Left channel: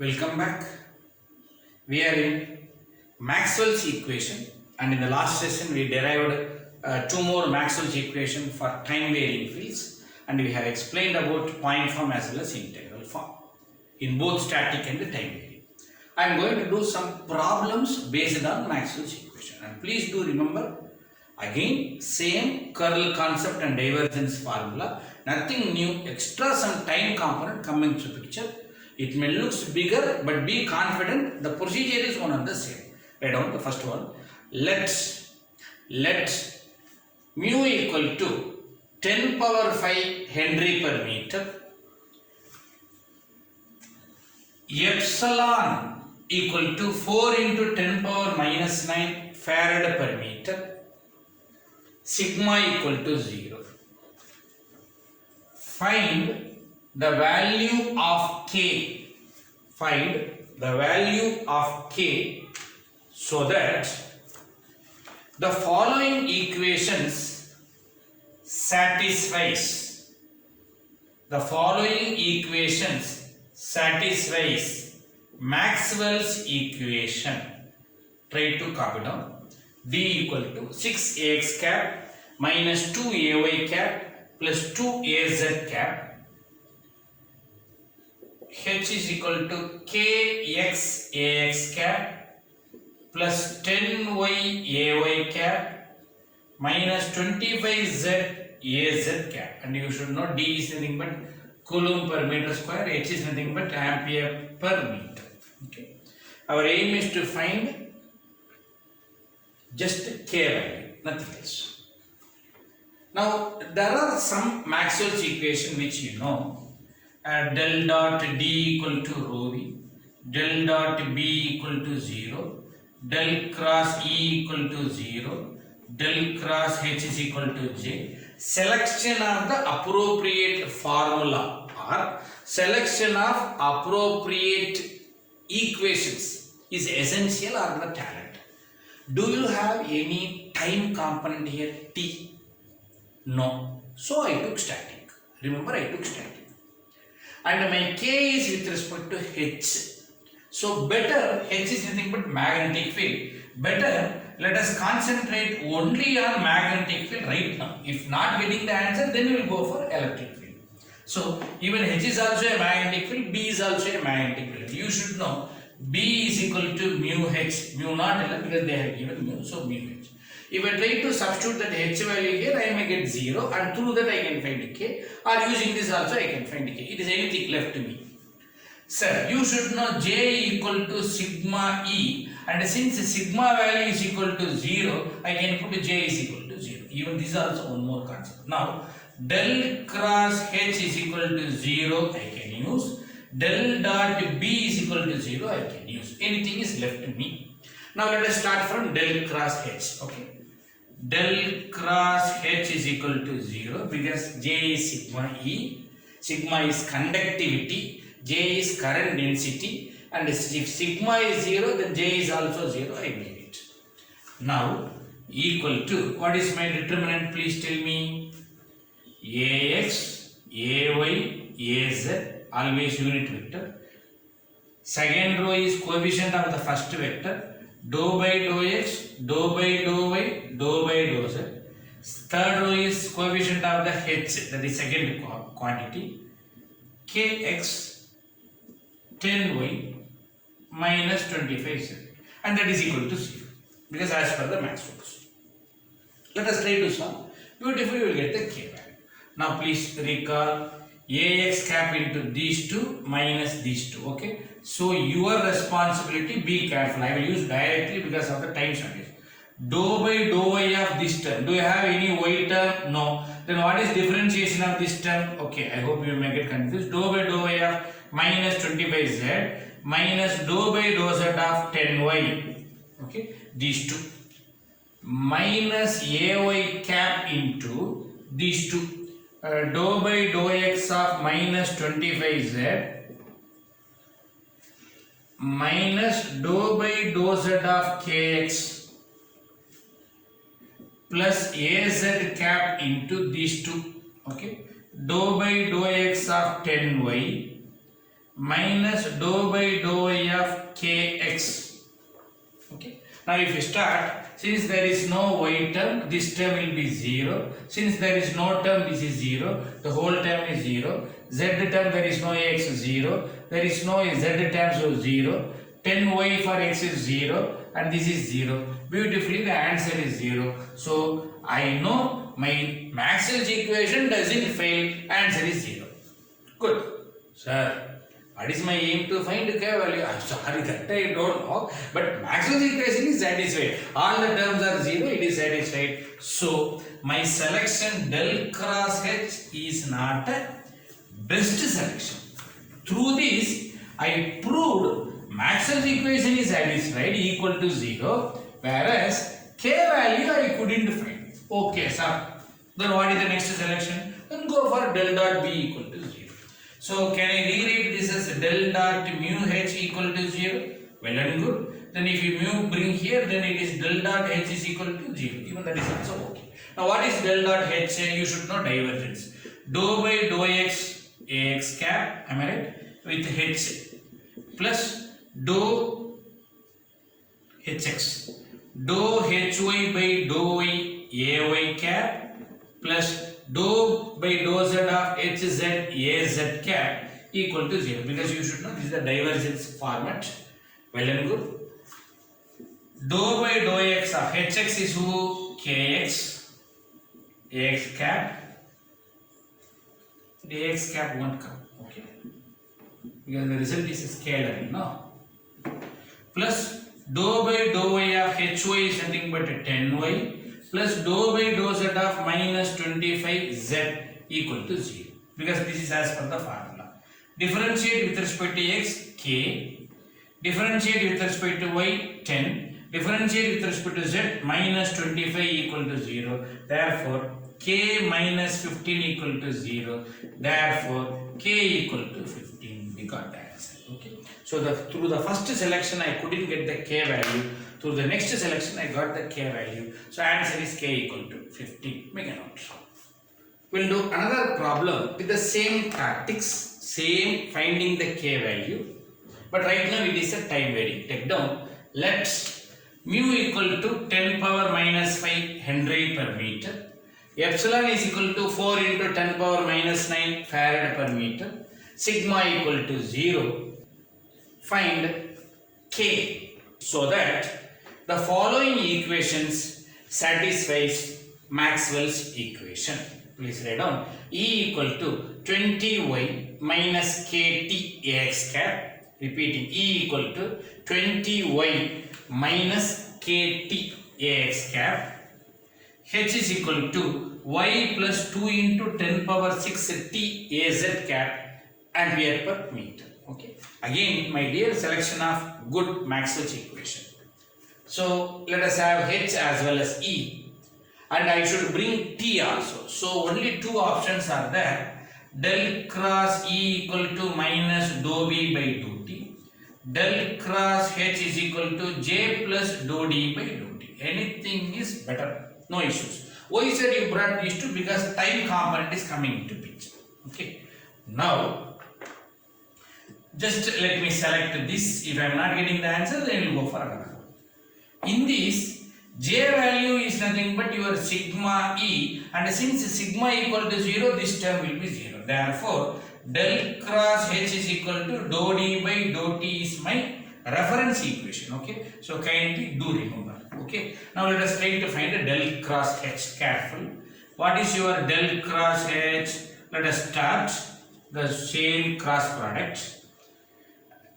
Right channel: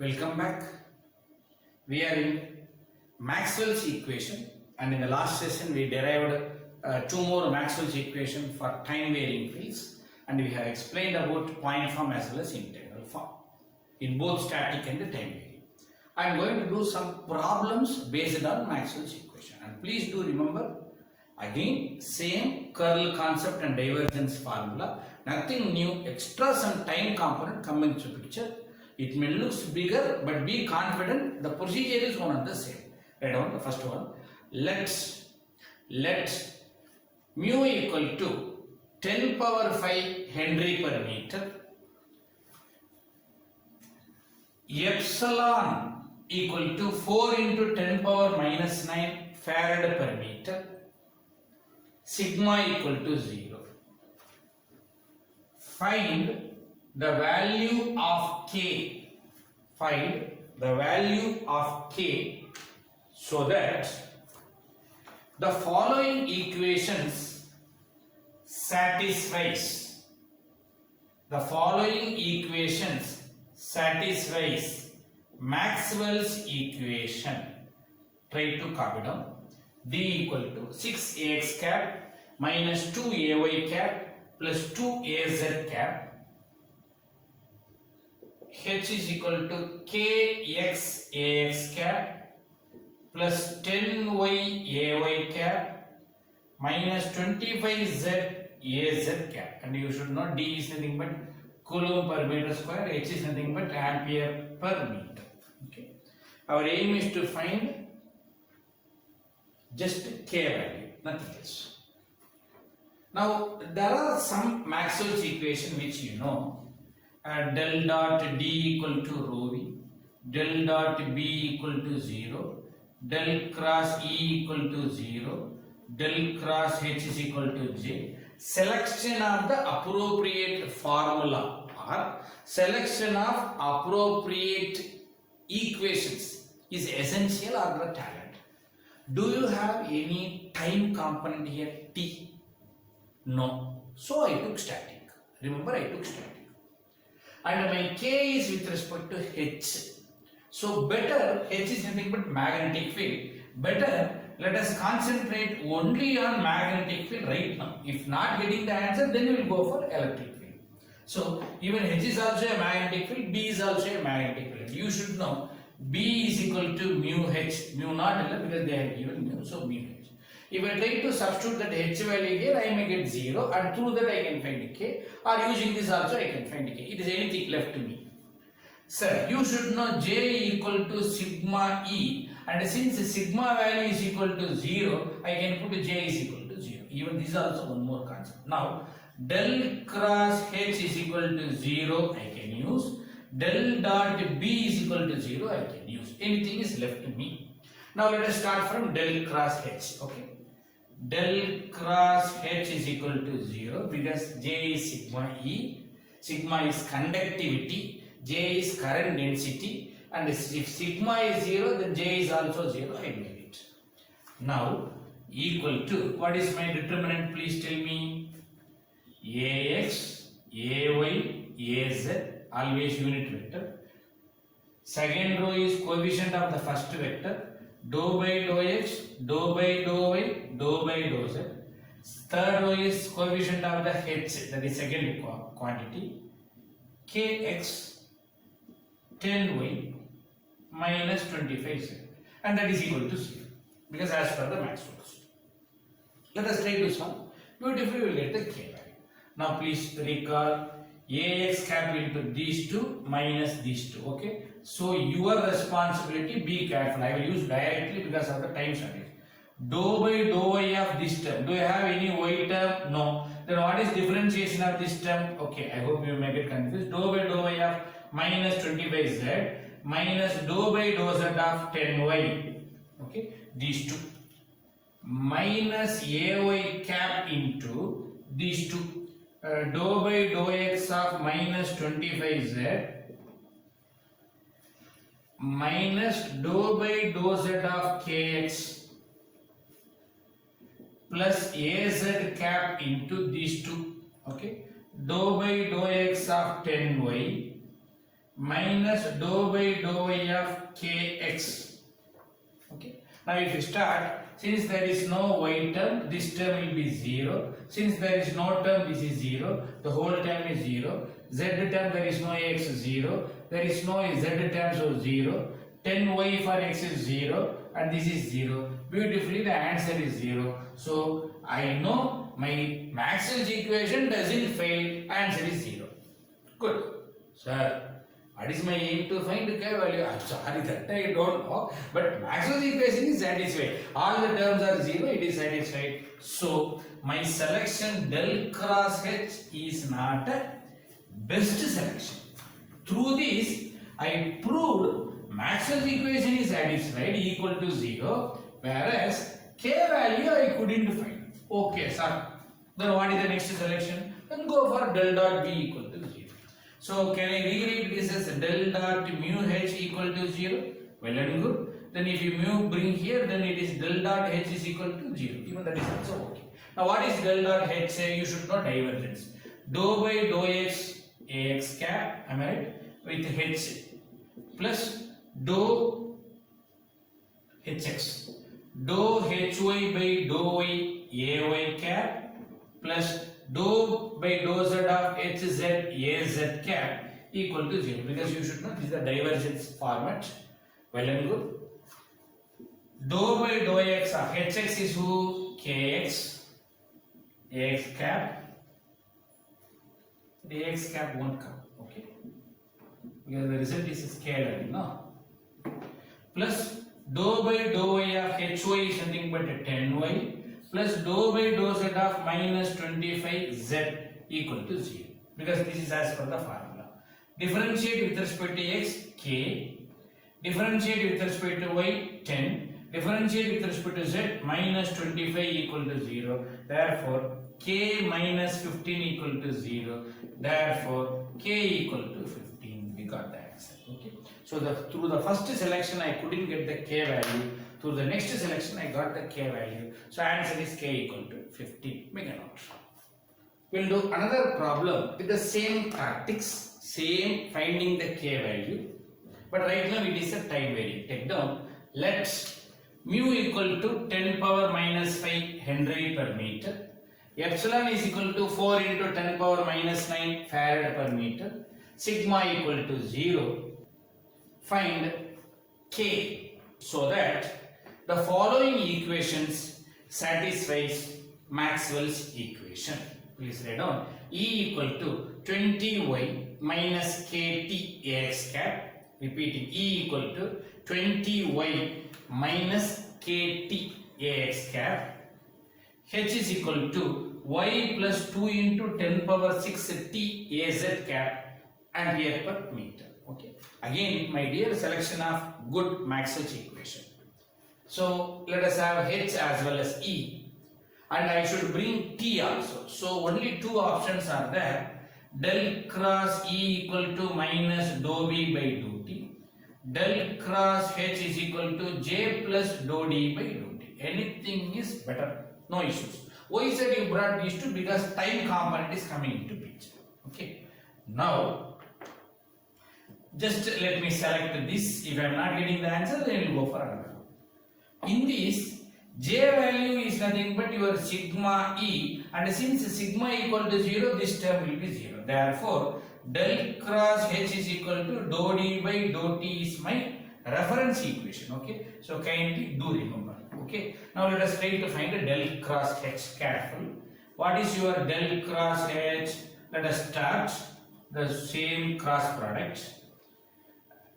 Welcome back. We are in Maxwell's equation, and in the last session we derived two more Maxwell's equation for time varying fields, and we have explained about point form as well as integral form in both static and time varying. I am going to do some problems based on Maxwell's equation, and please do remember again same curl concept and divergence formula, nothing new, extra some time component coming into picture. It may look bigger, but be confident the procedure is one and the same. Write down the first one. Let mu equal to 10 power 5 Henry per meter, epsilon equal to 4 into 10 power minus 9 Farad per meter, sigma equal to 0. Find the value of k. Find the value of k so that the following equations satisfies. The following equations satisfies Maxwell's equation. Try to copy down. D equal to 6ax cap minus 2ay cap plus 2az cap. H is equal to kx ax cap plus 10y cap minus 25z az cap, and you should know D is nothing but coulomb per meter square, H is nothing but ampere per meter. Okay. Our aim is to find just k value, nothing else. Now there are some Maxwell's equation which you know. Del dot D equal to rho v, del dot B equal to 0, del cross E equal to 0, del cross H is equal to J. Selection of the appropriate formula or selection of appropriate equations is essential or the talent. Do you have any time component here T? No. So I took static. Remember, I took static. And my k is with respect to h. So better, h is nothing but magnetic field. Better, let us concentrate only on magnetic field right now. If not getting the answer, then we will go for electric field. So even h is also a magnetic field, b is also a magnetic field. You should know b is equal to mu h, mu not L, because they have given mu, so mu h. If I try to substitute that h value here, I may get 0, and through that I can find k, or using this also I can find k. It is anything left to me. Sir, you should know j equal to sigma e, and since sigma value is equal to 0, I can put j is equal to 0. Even this is also one more concept. Now, del cross h is equal to 0, I can use. Del dot b is equal to 0, I can use. Anything is left to me. Now let us start from del cross h. Okay. Del cross h is equal to 0 because j is sigma e, sigma is conductivity, j is current density, and if sigma is 0, then j is also 0, I made it. Now equal to, what is my determinant, please tell me? Ax, ay, az, always unit vector. Second row is coefficient of the first vector, dou by dou x, dou by dou y, dou by dou z. Third row is coefficient of the h, that is second quantity, kx 10y minus 25z, and that is equal to 0 because as per the Maxwell's. Let us try to solve. Beautifully we will get the k value. Now please recall ax cap into these two minus these two. Okay. So your responsibility, be careful. I will use directly because of the time shortage. Dou by dou y of this term. Do you have any y term? No. Then what is differentiation of this term? Okay, I hope you may get confused. Dou by dou y of minus 25z minus dou by dou z of 10y. Okay, these two. Minus ay cap into these two. Dou by dou x of minus 25z minus dou by dou z of kx plus az cap into these two. Okay, dou by dou x of 10y minus dou by dou y of kx. Okay. Now if you start, since there is no y term, this term will be 0. Since there is no term, this is 0. The whole term is 0. Z term, there is no x, 0. There is no z term, so 0. 10y for x is 0 and this is 0. Beautifully, the answer is 0. So I know my Maxwell's equation doesn't fail. Answer is 0. Good. Sir, what is my aim to find k value? I'm sorry that I don't know. But Maxwell's equation is satisfied. All the terms are 0, it is satisfied. So my selection del cross H is not a best selection. Through this, I proved Maxwell's equation is satisfied equal to 0, whereas k value I couldn't find. Okay, sir. Then what is the next selection? Then go for del dot b equal to 0. So can I rewrite this as del dot mu h equal to 0? Well and good. Then if you mu bring here, then it is del dot h is equal to 0. Even that is also okay. Now what is del dot h? You should know divergence. Dou by dou x ax cap, am I right? With h plus dou hx. Dou hy by dou y ay cap plus dou by dou z of hz az cap equal to 0, because you should know this is the divergence format. Well and good. Dou by dou x of hx is who? Kx. Ax cap. The ax cap won't come. Okay. Because the result is scalar, no? Plus dou by dou y of hy is nothing but 10y. Plus dou by dou z of minus 25z equal to 0, because this is as per the formula. Differentiate with respect to x, k. Differentiate with respect to y, 10. Differentiate with respect to z, minus 25 equal to 0. Therefore, k minus 15 equal to 0. Therefore, k equal to 15. We got the answer. Okay. So through the first selection, I couldn't get the k value. Through the next selection, I got the k value. So answer is k equal to 15. Make a note. We'll do another problem with the same tactics, same finding the k value. But right now it is a time varying. Take down. Let's mu equal to 10 power minus 5 Henry per meter. Epsilon is equal to 4 into 10 power minus 9 Farad per meter. Sigma equal to 0. Find k, so that the following equations satisfies Maxwell's equation. Please write down. E equal to 20y minus kt ax cap. Repeating, E equal to 20y minus kt ax cap. H is equal to y plus 2 into 10 power 6 t az cap ampere per meter. Okay. Again, my dear, selection of good Maxwell's equation. So let us have H as well as E, and I should bring T also. So only two options are there. Del cross E equal to minus dou B by dou T. Del cross H is equal to J plus dou D by dou T. Anything is better. No issues. Why said you brought these two? Because time component is coming into picture. Okay. Now, just let me select this. If I am not getting the answer, then we'll go for another one. In this, J value is nothing but your sigma E, and since sigma equal to 0, this term will be 0. Therefore, del cross H is equal to dou D by dou T is my reference equation. Okay. So kindly do remember. Okay. Now let us try to find a del cross H. Careful. What is your del cross H? Let us start the same cross product.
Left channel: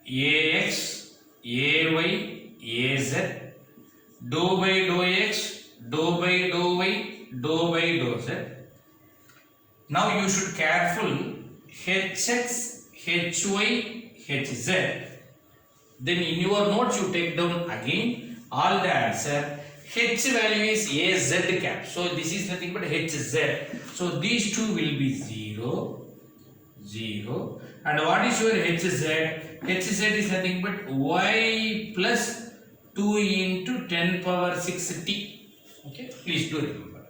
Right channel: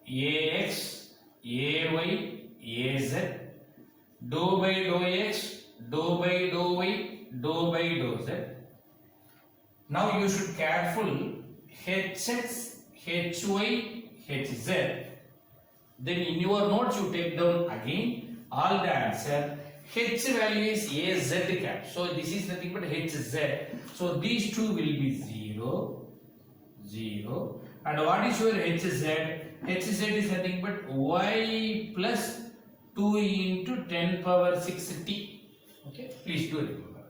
Ax, Ay, Az, dou by dou x, dou by dou y, dou by dou z. Now you should careful Hx, Hy, Hz. Then in your notes you take down again all the answer. H value is Az cap. So this is nothing but Hz. So these two will be 0, 0. And what is your Hz? Hz is nothing but y plus 2 into 10 power 6t. Okay, please do remember.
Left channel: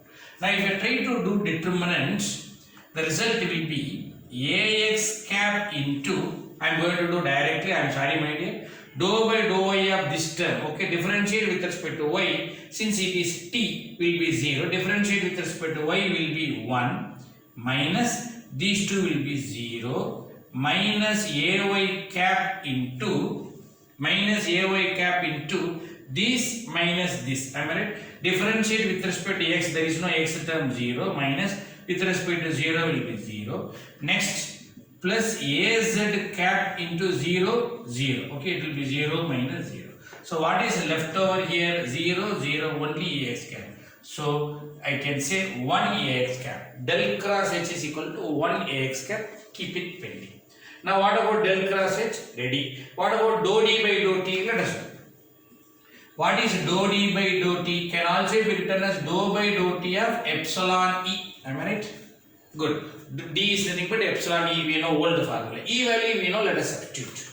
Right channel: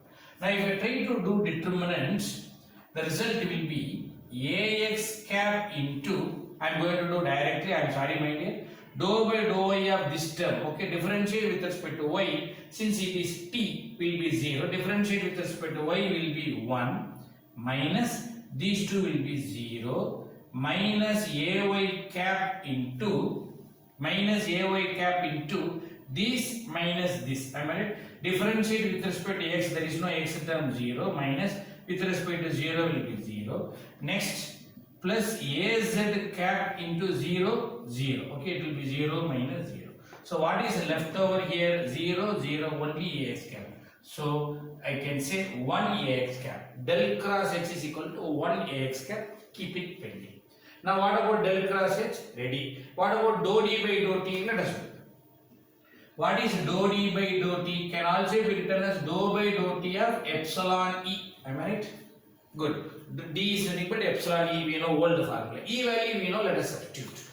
Now if I try to do determinants, the result will be ax cap into, I am going to do directly, I am sorry my dear, dou by dou y of this term, okay, differentiate with respect to y, since it is t will be 0, differentiate with respect to y will be 1, minus these two will be 0, minus ay cap into this minus this, am I right? Differentiate with respect to x, there is no x term 0, minus with respect to 0 will be 0. Next, plus az cap into 0, 0. Okay, it will be 0 minus 0. So what is left over here? 0, 0, only ax cap. So I can say 1 ax cap. Del cross h is equal to 1 ax cap. Keep it pending. Now what about del cross h? Ready. What about dou d by dou t? Let us know. What is dou d by dou t? Can also be written as dou by dou t of epsilon e. Am I right? Good. D is nothing but epsilon e. We know old formula. E value we know. Let us substitute.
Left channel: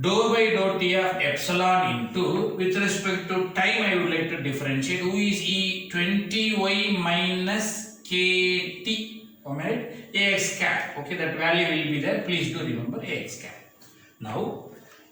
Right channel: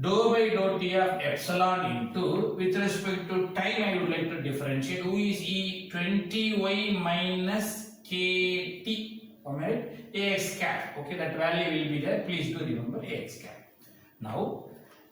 Dou by dou t of epsilon into, with respect to time I would like to differentiate. Who is e? 20y minus kt. Am I right? Ax cap. Okay, that value will be there. Please do remember Ax cap. Now,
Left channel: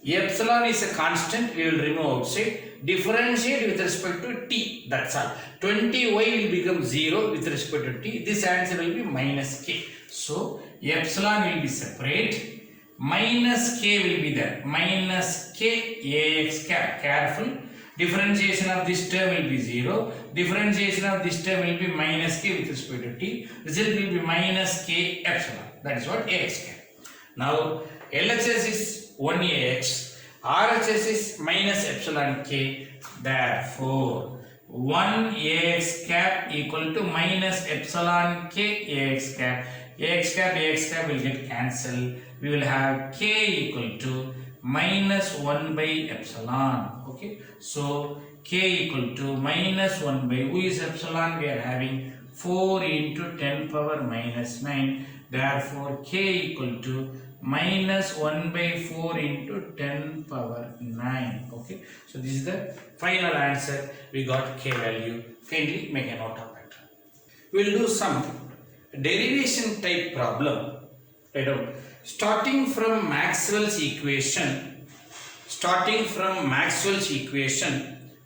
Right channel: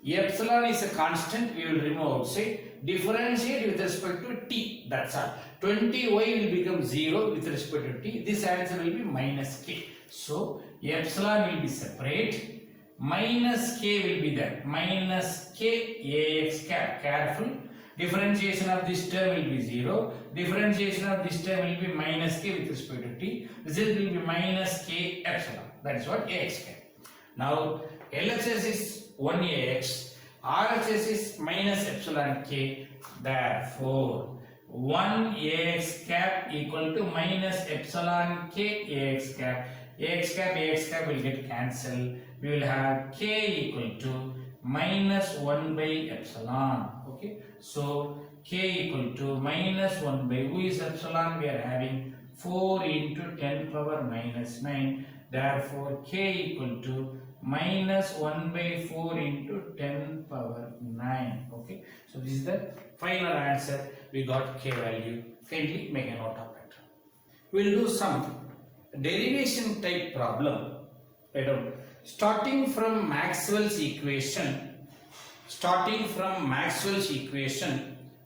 epsilon is a constant. We will remove outside. Differentiate with respect to t. That's all. 20y will become 0 with respect to t. This answer will be minus k. So, epsilon will be separate. Minus k will be there. Minus k Ax cap. Careful. Differentiation of this term will be 0. Differentiation of this term will be minus k with respect to t. Result will be minus k epsilon. That is what Ax cap. Now, LHS is 1Ax. RHS is minus epsilon k. Therefore, 1Ax cap equal to minus epsilon k Ax cap. Ax cap will get cancelled. We will have k equal to minus 1 by epsilon. Okay. So, k equal to minus 1 by, who is epsilon? We are having 4 into 10 power minus 9. Therefore, k equal to minus 1 by 4 into 10 power 9. Okay. So, this is the final answer. We got k value. Kindly make a note of it. We will do some derivation type problem. Starting from Maxwell's equation,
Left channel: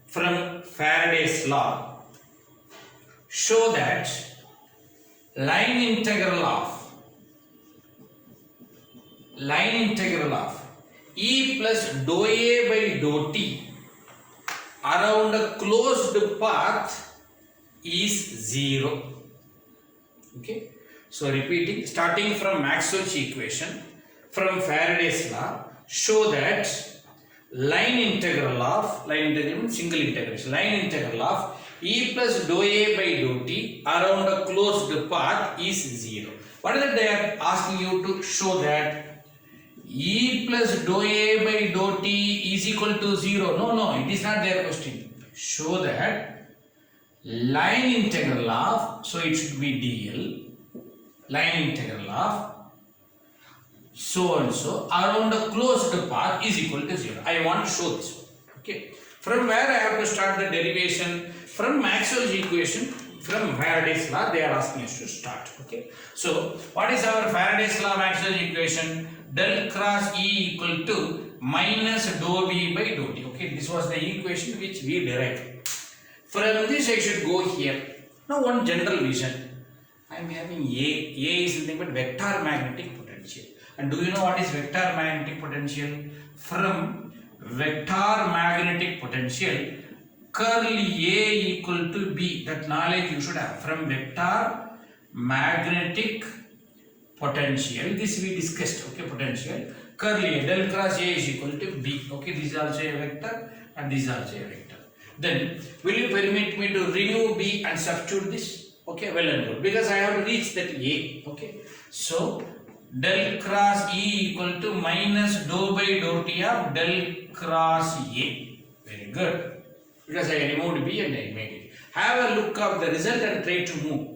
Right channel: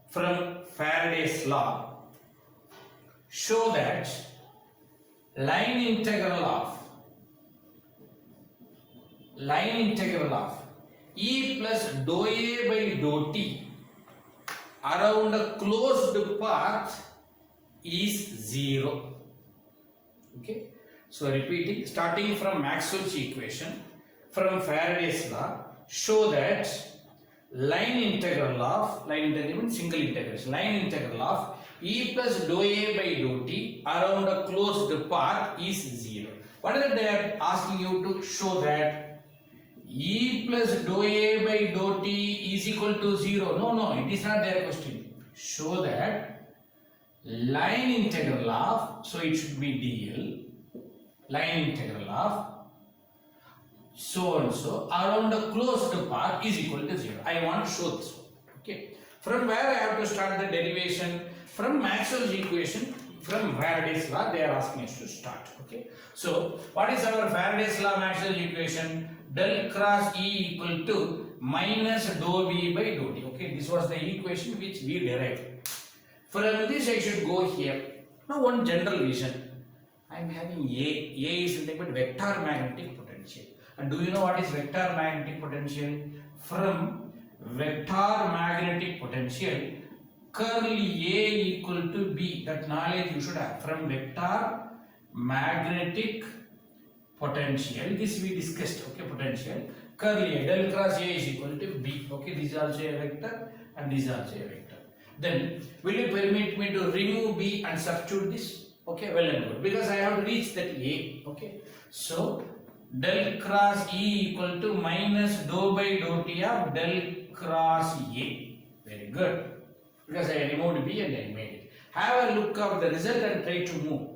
from Faraday's law, show that line integral of e plus dou a by dou t around a closed path is 0. Okay. So repeating, starting from Maxwell's equation, from Faraday's law, show that line integral single integration, line integral of e plus dou a by dou t around a closed path is 0. What is that they are asking you to show? That e plus dou a by dou t is equal to 0. No, it is not their question. Show that line integral of, so it should be dl, line integral of so and so around a closed path is equal to 0. I want to show this. Okay. From where I have to start the derivation? From Maxwell's equation, from Faraday's law, they are asking us to start. Okay. So, what is our Faraday's law, Maxwell's equation? Del cross E equal to minus dou B by dou t. Okay. This was the equation which we derived. From this, I should go here. Now, one general vision. I am having A. A is nothing but vector magnetic potential. And do you know what is vector magnetic potential? From vector magnetic potential, curl A equal to B. That knowledge you should have. From vector magnetic potential, this we discussed. Okay, potential. Curl A, del cross A is equal to B. Okay, this is also a vector and this is also a vector. Then, will you permit me to remove B and substitute this? Okay, well and good, because I have reached that A. Okay, so del cross E equal to minus dou by dou t of del cross A. Very good, because I removed B and I made it. Have a look of the result and try to move.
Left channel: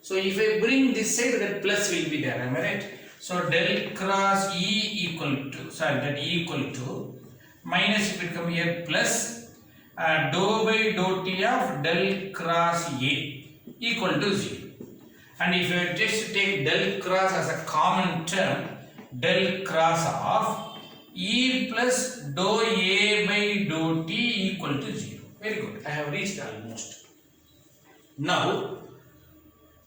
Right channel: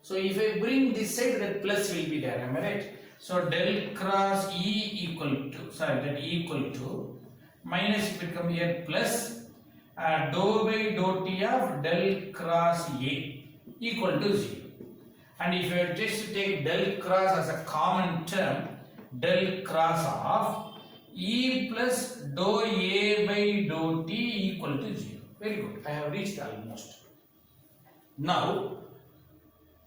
So if I bring this side, that plus will be there. Am I right? So del cross E equal to, that E equal to minus, if it come here, plus dou by dou t of del cross A equal to 0. And if you just take del cross as a common term, del cross of E plus dou A by dou T equal to 0. Very good. I have reached almost. Now,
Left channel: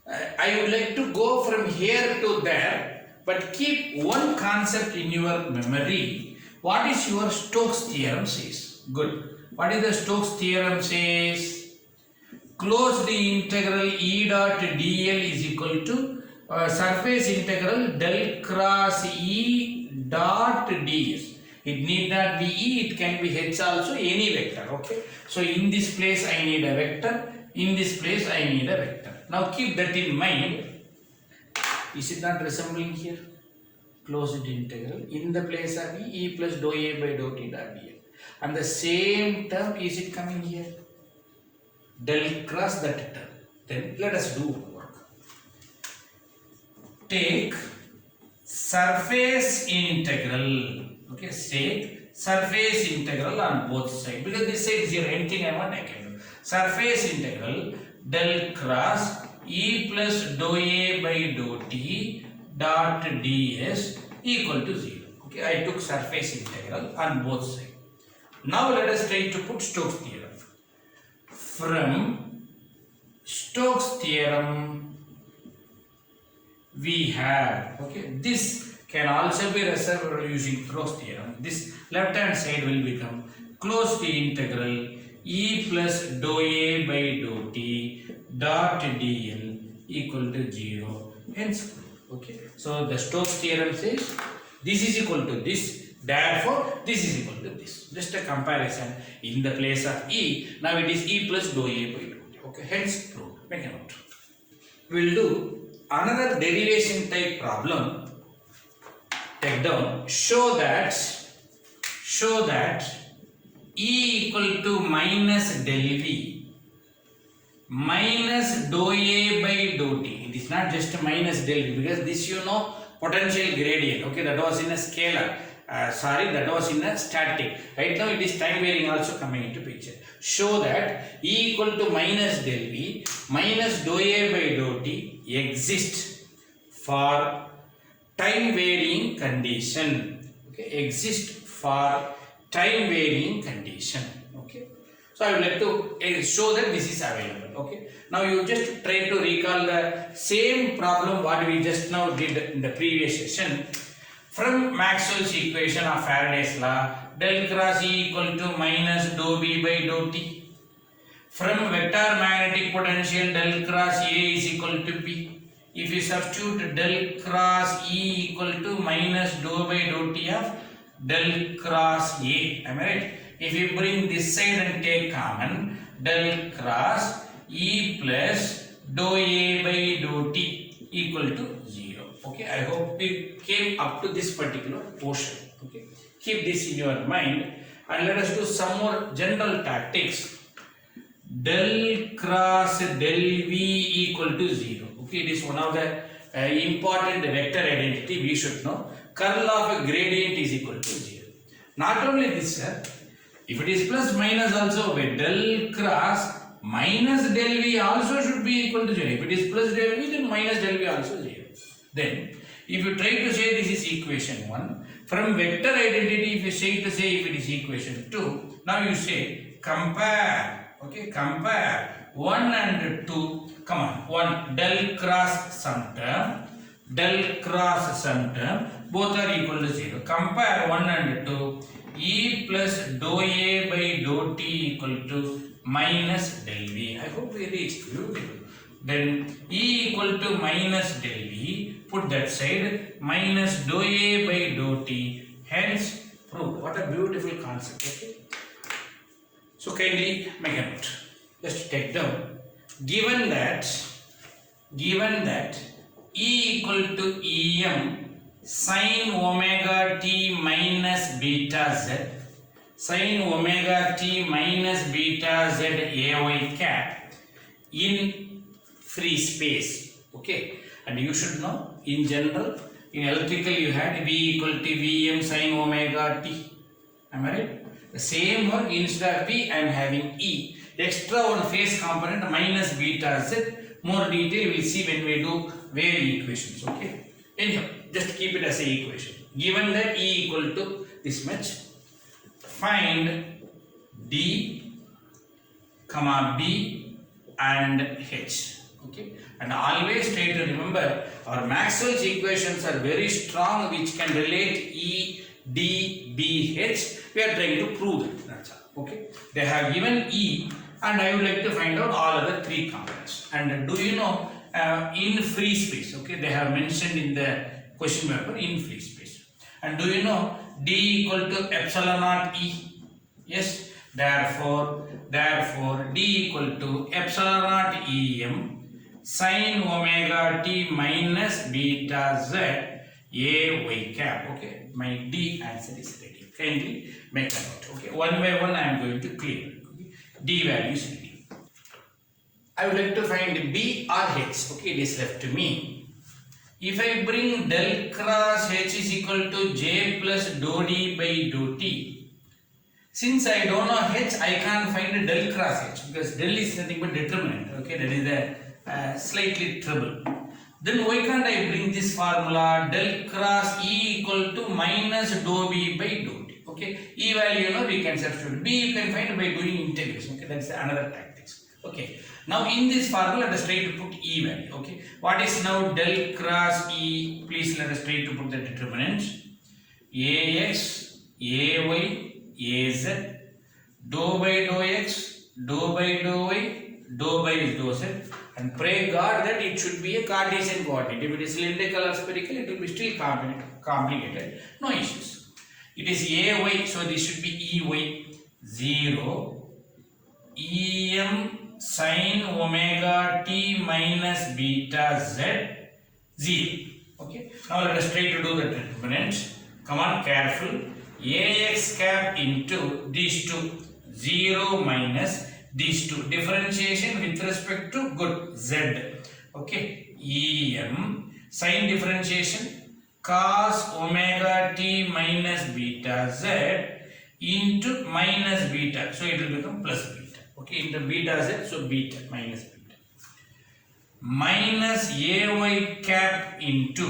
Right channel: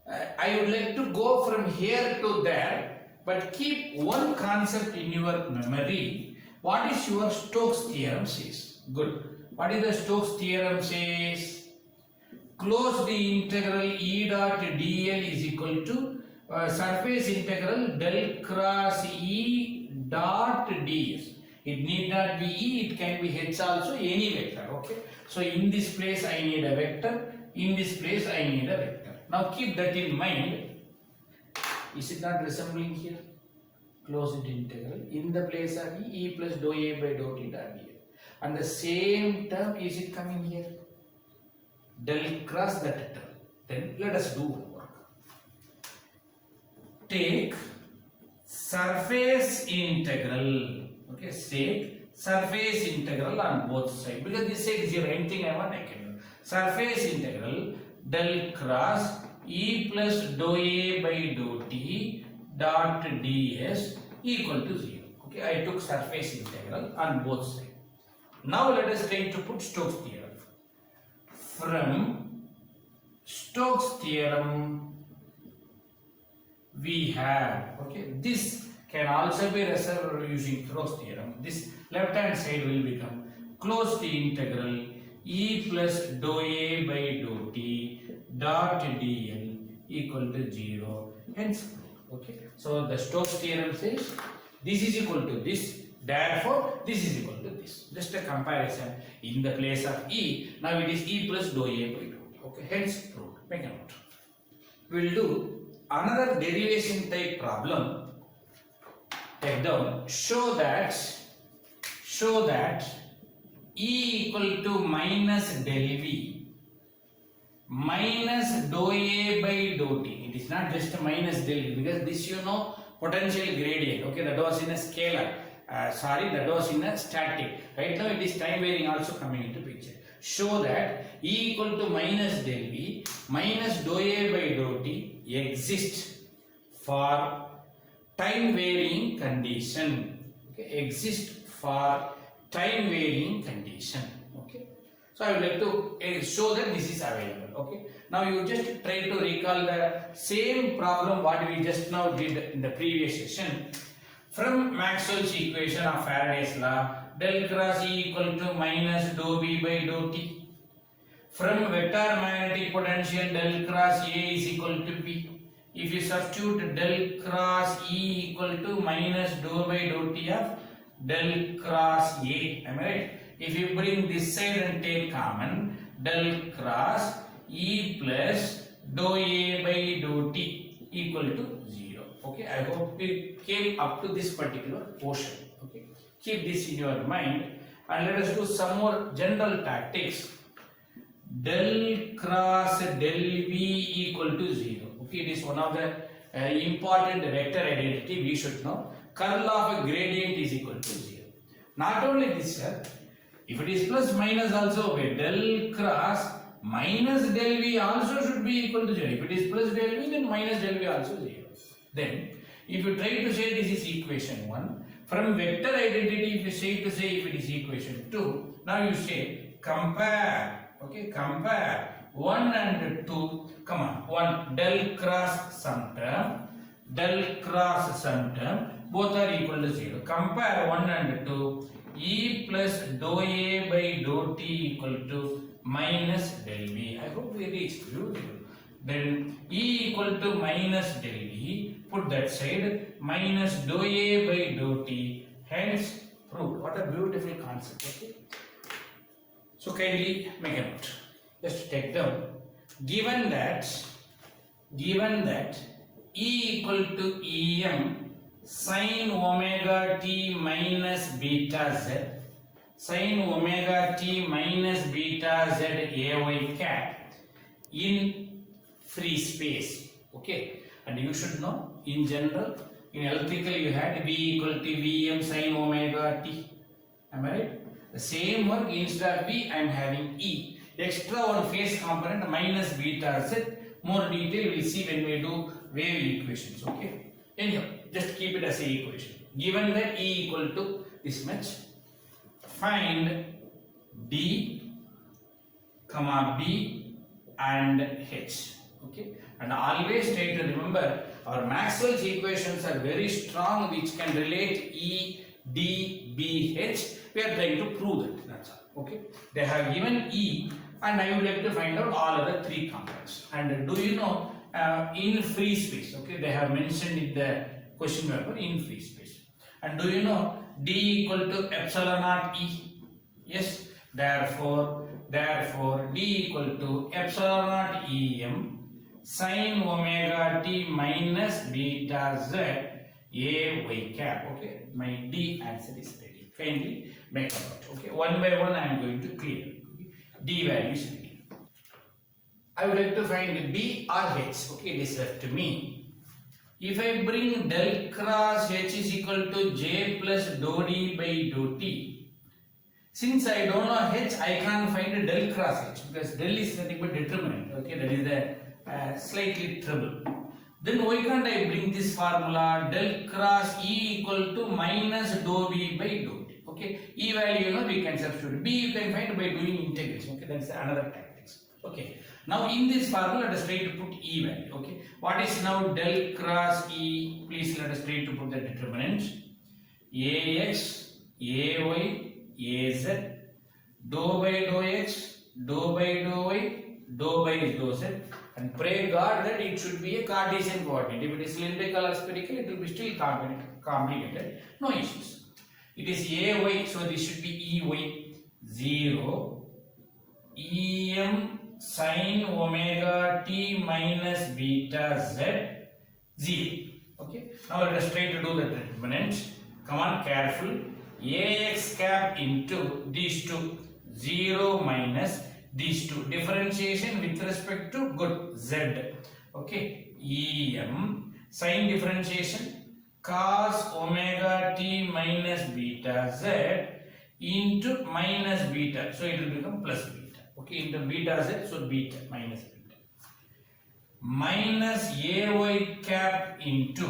I would like to go from here to there, but keep one concept in your memory. What is your Stokes theorem says? Good. What is the Stokes theorem says? Closed integral E dot dl is equal to surface integral del cross E dot ds. It need not be E, it can be H also, any vector. Okay. So in this place I need a vector, in this place I need a vector. Now keep that in mind. Is it not resembling here? Closed integral in the place of E plus dou A by dou T dot dl. And the same term, is it coming here? Del cross that term. Then let us do work. Take surface integral. Okay, say surface integral on both sides. Because this side is 0, anything I want I can do. Surface integral del cross E plus dou A by dou T dot ds equal to 0. Okay, I took surface integral on both sides. Now let us try to put Stokes theorem. From Stokes theorem we have, okay, this can also be resolved using Stokes theorem. This left hand side will become closed integral E plus dou A by dou T dot dl equal to 0, hence proved. Okay, so the Stokes theorem says this is equal to this, therefore this is equal to this. Just a comparison in the place of E. Now it is E plus dou A by dou T. Okay, hence proved. Make a note. We will do another derivation type problem. Take down. Show that E equal to minus del V minus dou A by dou T. It is not just minus del V, because this you know potential gradient. Okay, that was in a scalar. That was in a static. Right now it is time varying also coming into picture. Show that E equal to minus del V minus dou A by dou T exists for time varying condition. Okay, exist for time varying condition. Okay, so I would like to show that this is available. Okay, now you just try to recall the same problem what we just now did in the previous session. From Maxwell's equation of Faraday's law, del cross E equal to minus dou B by dou T. From vector magnetic potential, del cross A is equal to P. If you substitute del cross E equal to minus dou by dou T of del cross A, am I right? If you bring this side and take common, del cross E plus dou A by dou T equal to 0. Okay, I hope you came up to this particular portion. Okay, keep this in your mind and let us do some more general tactics. Del cross del V equal to 0. Okay, it is one of the important vector identity we should know. Curl of a gradient is equal to 0. Not only this, if it is plus minus also, del cross minus del V also should be equal to 0. If it is plus del V, then minus del V also 0. Then, if you try to say this is equation 1, from vector identity, if you say to say if it is equation 2, now you say compare. Okay, compare 1 and 2. Come on, 1 del cross some term, del cross some term, both are equal to 0. Compare 1 and 2. E plus dou A by dou T equal to minus del V. I hope we reached. Beautiful. Then E equal to minus del V. Put that side. Minus dou A by dou T. Hence prove. What a beautiful concept. Okay. So kindly make a note. Just take down. Given that E equal to Em sin omega t minus beta z, sin omega t minus beta z ay cap in free space. Okay, and you should know in general in electrical you had V equal to Vm sin omega t. Am I right? The same one instead of V I am having E. Extra one phase component minus beta z More detail we will see when we do wave equations. Okay. Anyhow, just keep it as a equation. Given that E equal to this much, find D, comma B and H. Okay. And always try to remember our Maxwell's equations are very strong, which can relate E, D, B, H. We are trying to prove it. That's all. Okay. They have given E, and I would like to find out all other three components. And do you know in free space? Okay, they have mentioned in the question paper in free space. And do you know D equal to epsilon naught E? Yes. Therefore D equal to epsilon naught Em sin omega t minus beta z a y cap. Okay, my D answer is ready. Kindly make a note. Okay, one by one I am going to clear. Okay. D value is ready. I would like to find B or H. Okay, it is left to me. If I bring del cross H is equal to J plus dou D by dou T, since I don't know H, I can't find del cross H because del is nothing but determinant. Okay, that is the slightly trouble. Then why can't I bring this formula del cross E equal to minus dou B by dou T? Okay, E value you know we can substitute. B you can find by doing integration. Okay, that's another tactics. Okay, now in this formula let us try to put E value. Okay, what is now del cross E? Please let us try to put the determinants. Ax, Ay, Az, dou by dou x, dou by dou y, dou by dou z. And pray God that it should be a Cartesian coordinate. If it is cylindrical or spherical, it will be still complicated. No issues. It is Ay, so this should be Ey 0 Em sin omega t minus beta z 0. Okay. Now let us try to do the determinants. Come on, careful. Ax cap into these two 0 minus these two, differentiation with respect to good z. Okay, Em sin differentiation cos omega t minus beta z into minus beta, so it will become plus beta. Okay, into beta z, so beta minus beta minus ay cap into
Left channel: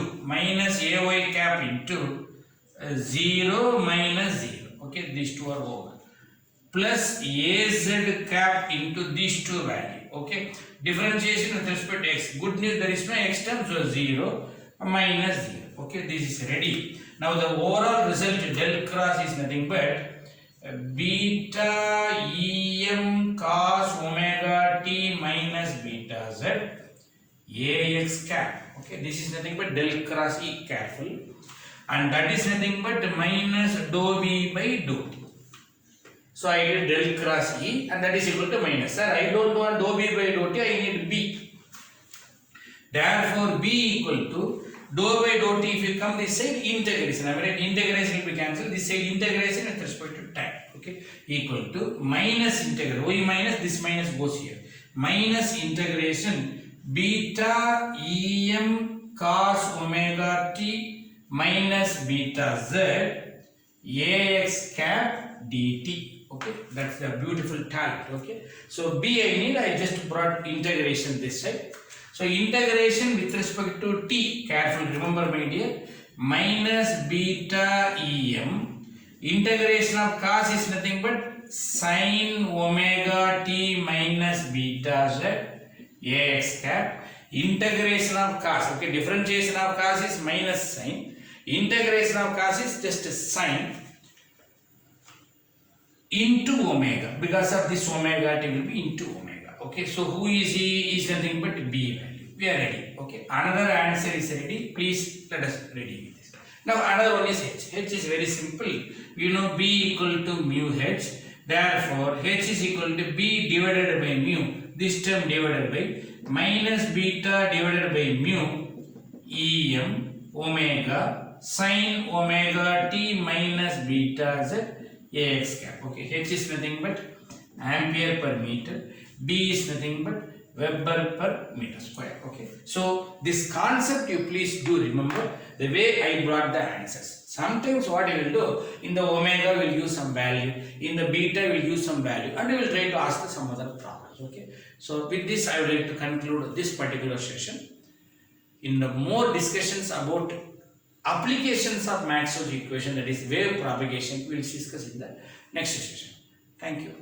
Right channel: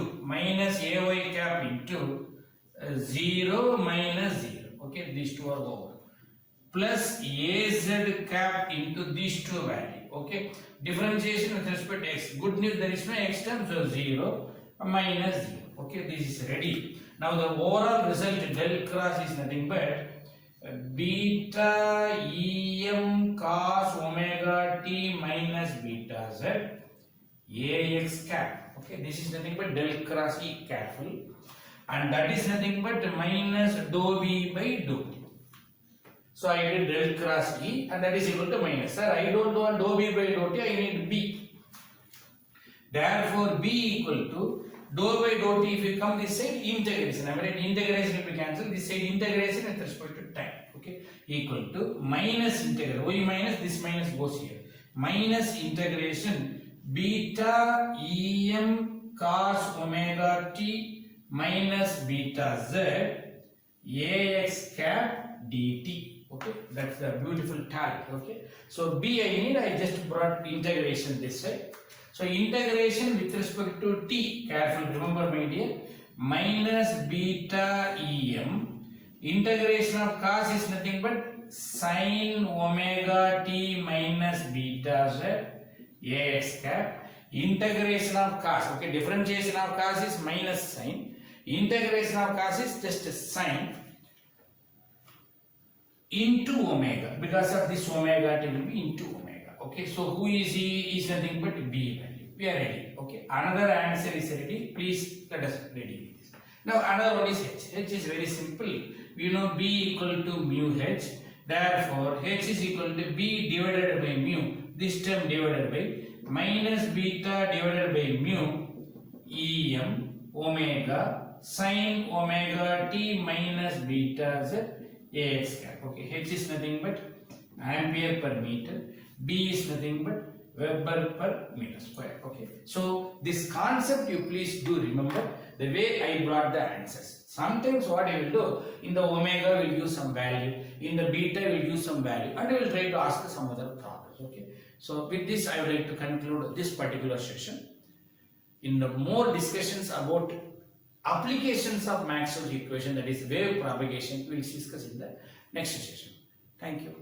0 minus 0. Okay, these two are over. Plus az cap into these two value. Okay, differentiation with respect to x. Good news, there is no x term, so 0 minus 0. Okay, this is ready. Now the overall result del cross is nothing but beta Em cos omega t minus beta z ax cap. Okay, this is nothing but del cross E. Careful, and that is nothing but minus dou B by dou T. So I did del cross E, and that is equal to minus. Sir, I don't want dou B by dou T, I need B. Therefore, B equal to dou by dou T. If you come this side, integration. I mean, integration will be cancelled. This side integration with respect to time. Okay, equal to minus integral. Y minus, this minus goes here. Minus integration beta Em cos omega t minus beta z ax cap dt. Okay, that's a beautiful talent. Okay, so B I need, I just brought integration this side. So integration with respect to t, careful, remember my dear, minus beta Em, integration of cos is nothing but sin omega t minus beta z ax cap, integration of cos. Okay, differentiation of cos is minus sin, integration of cos is just sin into omega. Because of this omega t will be into omega. Okay, so who is he? Is nothing but B value. We are ready. Okay, another answer is ready. Please let us ready with this. Now another one is H. H is very simple. You know B equal to mu H. Therefore H is equal to B divided by mu. This term divided by minus beta divided by mu Em omega sin omega t minus beta z ax cap. Okay, H is nothing but ampere per meter, B is nothing but Weber per meter square. Okay, so this concept you please do remember the way I brought the answers. Sometimes what I will do, in the omega will use some value, in the beta will use some value, and we will try to ask some other problems. Okay, So with this, I would like to conclude this particular session. In more discussions about applications of Maxwell's equation, that is wave propagation, we will discuss in the next session. Thank you.